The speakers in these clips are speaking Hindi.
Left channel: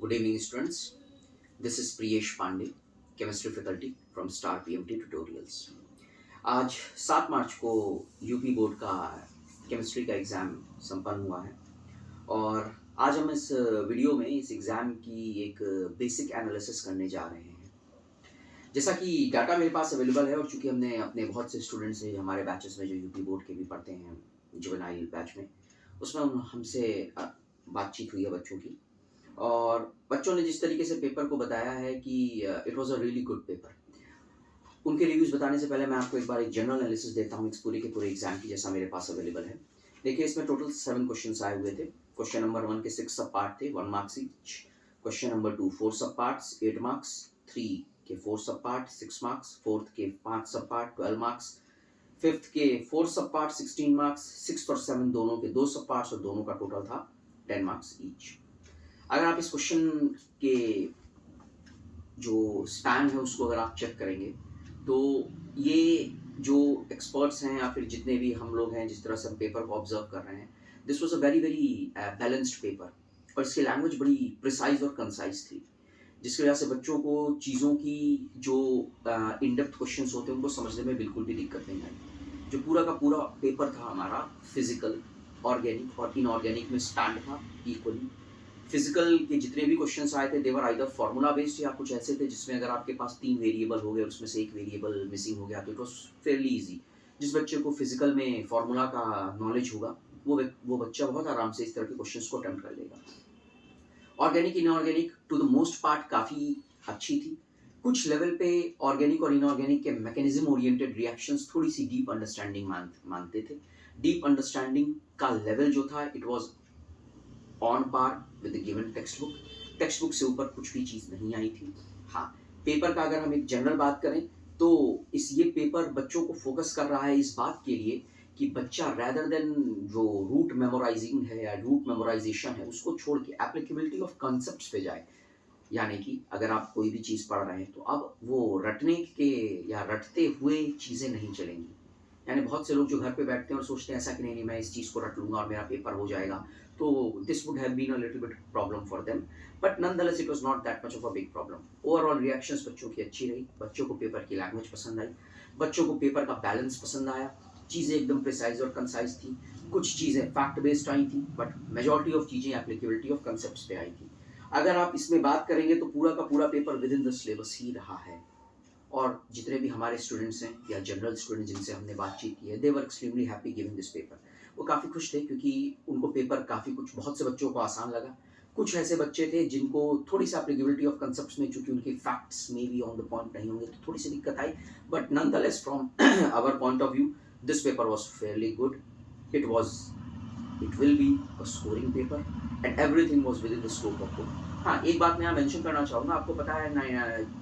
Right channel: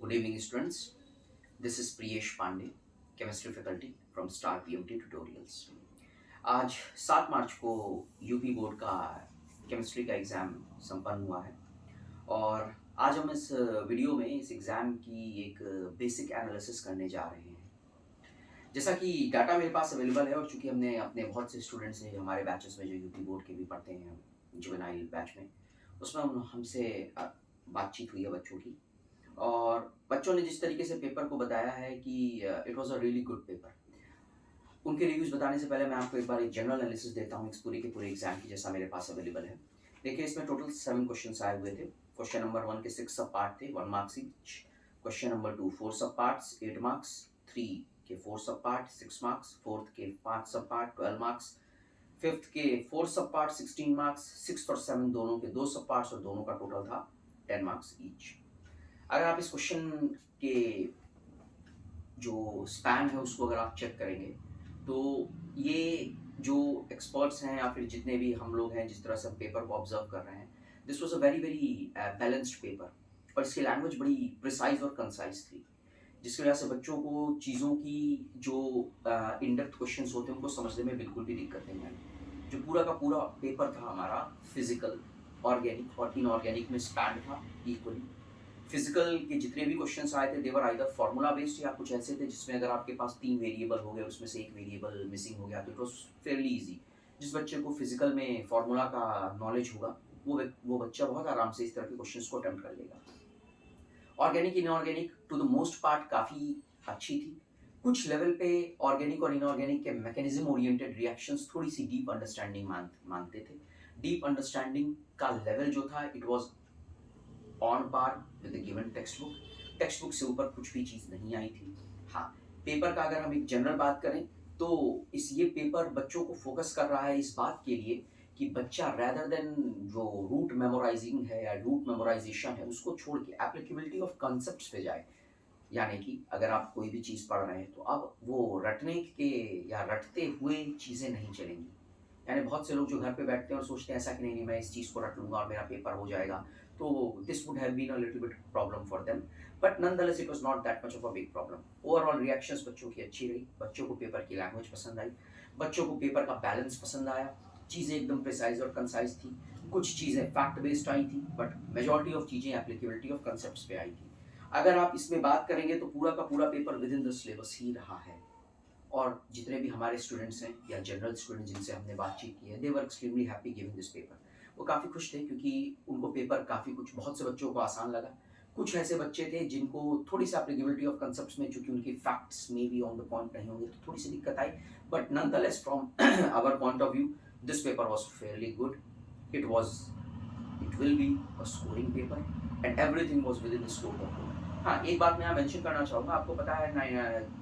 Good evening, students. This is Priyesh Pandey, chemistry faculty from Star PMT Tutorials. आज 7 मार्च को यूपी बोर्ड का केमिस्ट्री का एग्ज़ाम संपन्न हुआ है और आज हम इस वीडियो में इस एग्ज़ाम की एक बेसिक एनालिसिस करने जा रहे हैं। जैसा कि डाटा मेरे पास अवेलेबल है और चूंकि हमने अपने बहुत से स्टूडेंट्स हैं हमारे बैचेस में जो यूपी बोर्ड के भी पढ़ते हैं जुवेनाइल बैच में, उसमें हमसे बातचीत हुई है बच्चों की और बच्चों ने जिस तरीके से पेपर को बताया है कि it was a really good paper. उनके रिव्यूज़ बताने से पहले मैं आपको एक बार एक जनरल एनालिसिस देता हूँ इस पूरे के पूरे एग्जाम की, जैसा मेरे पास अवेलेबल है। देखिए, इसमें टोटल 7 क्वेश्चंस आए हुए थे। क्वेश्चन नंबर 1 के 6 सब पार्ट थे, 1 मार्क्स ईच। क्वेश्चन नंबर 2 4 सब पार्ट्स, 8 मार्क्स। 3 के 4 सब पार्ट, 6 मार्क्स। 4th के 5 सब पार्ट, 12 मार्क्स। 5th के 4 सब पार्ट, 16 मार्क्स। 6th और 7 दोनों के 2 सब पार्ट्स और दोनों का टोटल था 10 मार्क्स ईच। अगर आप इस क्वेश्चन के जो स्पैन है उसको अगर आप चेक करेंगे तो ये जो एक्सपर्ट्स हैं या फिर जितने भी हम लोग हैं, जिस तरह से हम पेपर को ऑब्जर्व कर रहे हैं, this was a very very balanced paper और इसकी लैंग्वेज बड़ी प्रिसाइज और कंसाइज थी, जिसकी वजह से बच्चों को चीज़ों की जो इन डेप्थ क्वेश्चंस होते हैं उनको समझने में बिल्कुल भी दिक्कत नहीं आई। जो पूरा का पूरा पेपर था हमारा फिजिकल, ऑर्गेनिक और इनऑर्गेनिक में स्टैंड था इक्वली। फिजिकल के जितने भी क्वेश्चंस आए थे दे वर आइदर फार्मूला बेस्ड या कुछ ऐसे थे जिसमें अगर आपके पास 3 वेरिएबल हो गए और उसमें से एक वेरिएबल मिसिंग हो गया तो इट वाज फेयरली इजी। जिस बच्चे को फिजिकल में फार्मूला का नॉलेज होगा वो बच्चा बहुत आराम से इस तरह के क्वेश्चंस को अटेम्प्ट कर लेगा। Organic inorganic to the most part काफ़ी अच्छी थी। कुछ लेवल पे ऑर्गेनिक और इनऑर्गेनिक के मैकेनिज्म ओरिएंटेड रिएक्शंस थोड़ी सी डीप अंडरस्टैंडिंग मानते थे। डीप अंडरस्टैंडिंग का लेवल जो था it was on par with the given text book. Text book से ऊपर कुछ भी चीज़ नहीं आई थी। हाँ, पेपर का अगर हम एक जनरल बात करें तो ये पेपर बच्चों को फोकस कर रहा है इस बात के लिए कि बच्चा रैदर देन जो रूट मेमोराइजिंग है या रूट मेमोराइजेशन है उसको छोड़ के एप्लीकेबिलिटी ऑफ कॉन्सेप्ट्स पे जाए। यानी कि अगर आप कोई भी चीज़ पढ़ रहे हैं तो अब वो रटने के या रटते हुए चीज़ें नहीं चलेंगी। यानी बहुत से लोग जो घर पे बैठते हैं और सोचते हैं ऐसा कि नहीं मैं इस चीज़ को रट लूँगा और मेरा पेपर हो जाएगा, तो this would have been a little bit problem for them, but nonetheless it was not that much of a big problem. Overall reactions बच्चों की अच्छी रही, बच्चों को पेपर की लैंग्वेज पसंद आई, बच्चों को पेपर का बैलेंस पसंद आया, चीज़ें एकदम प्रिसाइज़ और कंसाइज़ थी, कुछ चीज़ें फैक्ट बेस्ड आई थी, बट मेजॉरिटी ऑफ चीज़ें एप्लीकेबिलिटी ऑफ कॉन्सेप्ट्स पे आई थी। अगर आप इसमें बात करेंगे तो पूरा का पूरा paper within the syllabus ही रहा है और जितने भी हमारे स्टूडेंट्स हैं या जनरल स्टूडेंट्स जिनसे हमने बातचीत की है they were extremely happy giving this paper. वो काफ़ी खुश थे क्योंकि उनको पेपर काफ़ी कुछ बहुत से बच्चों को आसान लगा। कुछ ऐसे बच्चे थे जिनको थोड़ी सी एप्लीकेबिलिटी ऑफ कंसेप्ट्स में चूंकि उनके फैक्ट्स में भी ऑन द पॉइंट नहीं होंगे तो थोड़ी सी दिक्कत आई, but nonetheless from our point of view this paper was fairly good. It was it will be a scoring paper and everything was within the scope of book. हाँ, एक बात मैं यहाँ मेंशन करना चाहूँगा, आपको पता है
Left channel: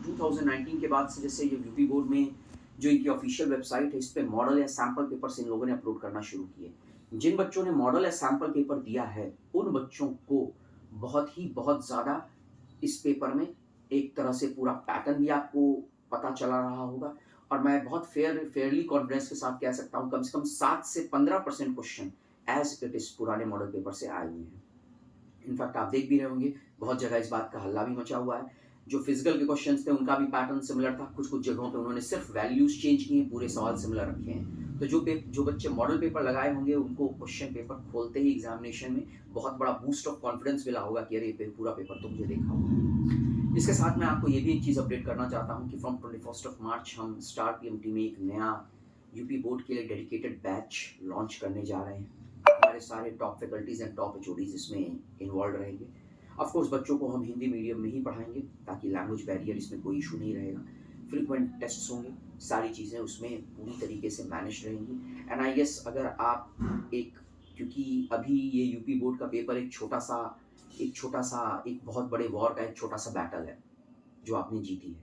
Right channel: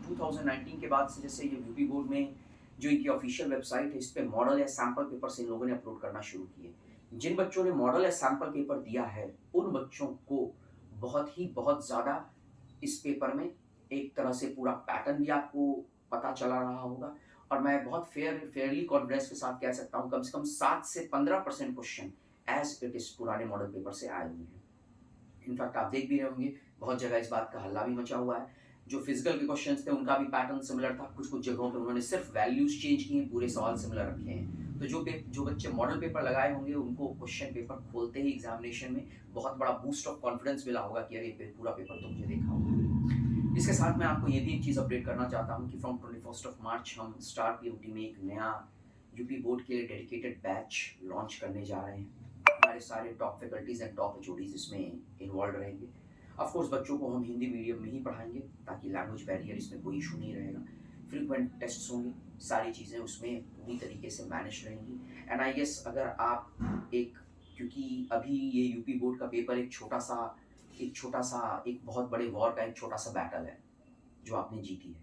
2019 के बाद से जैसे ये यूपी बोर्ड में जो इनकी ऑफिशियल वेबसाइट है इस पे मॉडल या सैंपल पेपर से इन लोगों ने अपलोड करना शुरू किए। जिन बच्चों ने मॉडल या सैंपल पेपर दिया है उन बच्चों को बहुत ज़्यादा इस पेपर में एक तरह से पूरा पैटर्न भी आपको पता चला रहा होगा और मैं बहुत फेयरली कॉन्फिडेंस के साथ कह सकता हूँ कम से कम 7 से 15% क्वेश्चन एज इट इज पुराने मॉडल पेपर से आए हुए हैं। इनफैक्ट आप देख भी रहे होंगे बहुत जगह इस बात का हल्ला भी मचा हुआ है। जो फिजिकल के क्वेश्चंस थे उनका भी पैटर्न सिमिलर था, कुछ कुछ जगहों पे उन्होंने सिर्फ वैल्यूज चेंज किए हैं, पूरे सवाल सिमिलर रखे हैं। तो जो बच्चे मॉडल पेपर लगाए होंगे उनको क्वेश्चन पेपर खोलते ही एग्जामिनेशन में बहुत बड़ा बूस्ट ऑफ कॉन्फिडेंस मिला होगा कि अरे पूरा पेपर तो मुझे देखा होगा। इसके साथ मैं आपको ये भी एक चीज़ अपडेट करना चाहता हूँ कि फ्रॉम 21 ऑफ मार्च हम स्टार पीएमटी में एक नया यूपी बोर्ड के लिए डेडिकेटेड बैच लॉन्च करने जा रहे हैं। हमारे सारे top faculties and top HODs इसमें इन्वॉल्व रहेंगे। ऑफ कोर्स बच्चों को हम हिंदी मीडियम में ही पढ़ाएंगे ताकि लैंग्वेज बैरियर इसमें कोई इशू नहीं रहेगा। फ्रीक्वेंट टेस्ट्स होंगे, सारी चीज़ें उसमें पूरी तरीके से मैनेज रहेंगी। एंड आई गेस अगर आप एक, क्योंकि अभी ये यूपी बोर्ड का पेपर एक बहुत बड़े वॉर का एक छोटा सा बैटल है जो आपने जीती है।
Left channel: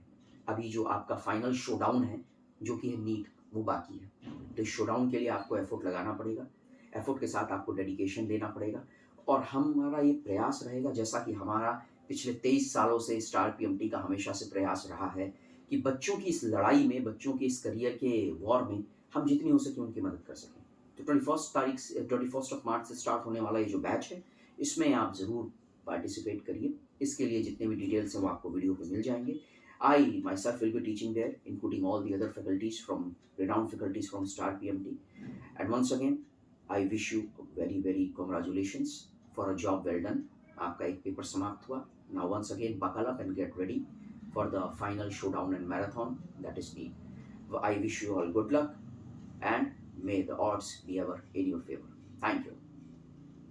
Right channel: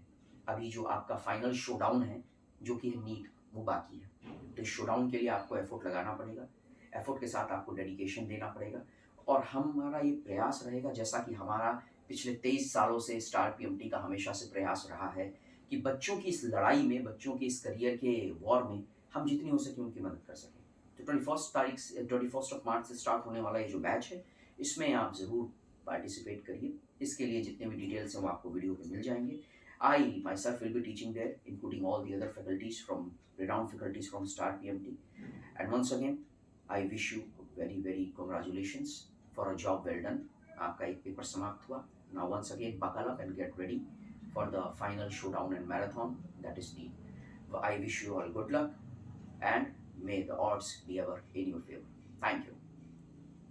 अभी जो आपका फाइनल शोडाउन है जो कि है नीट, वो बाकी है। तो इस शोडाउन के लिए आपको एफर्ट लगाना पड़ेगा, एफर्ट के साथ आपको डेडिकेशन देना पड़ेगा और हमारा ये प्रयास रहेगा जैसा कि हमारा पिछले 23 सालों से स्टार पीएमटी का हमेशा से प्रयास रहा है कि बच्चों की इस लड़ाई में, बच्चों के इस करियर के वॉर में हम जितनी हो सके उनकी मदद कर सकें। तो 21 ऑफ मार्च से स्टार्ट होने वाला ये जो बैच है इसमें आप ज़रूर पार्टिसिपेट करिए। इसके लिए जितने भी डिटेल्स हैं वो आपको वीडियो पे मिल जाएंगे. I myself will be teaching there, including all the other faculties from renowned faculties from Star PMT. And once again, I wish you very very congratulations for a job well done. आपका एक पेपर समाप्त हुआ. Now once again, buckle up and get ready for the final showdown and marathon that is NEET. I wish you all good luck and may the odds be ever in your favor. Thank you.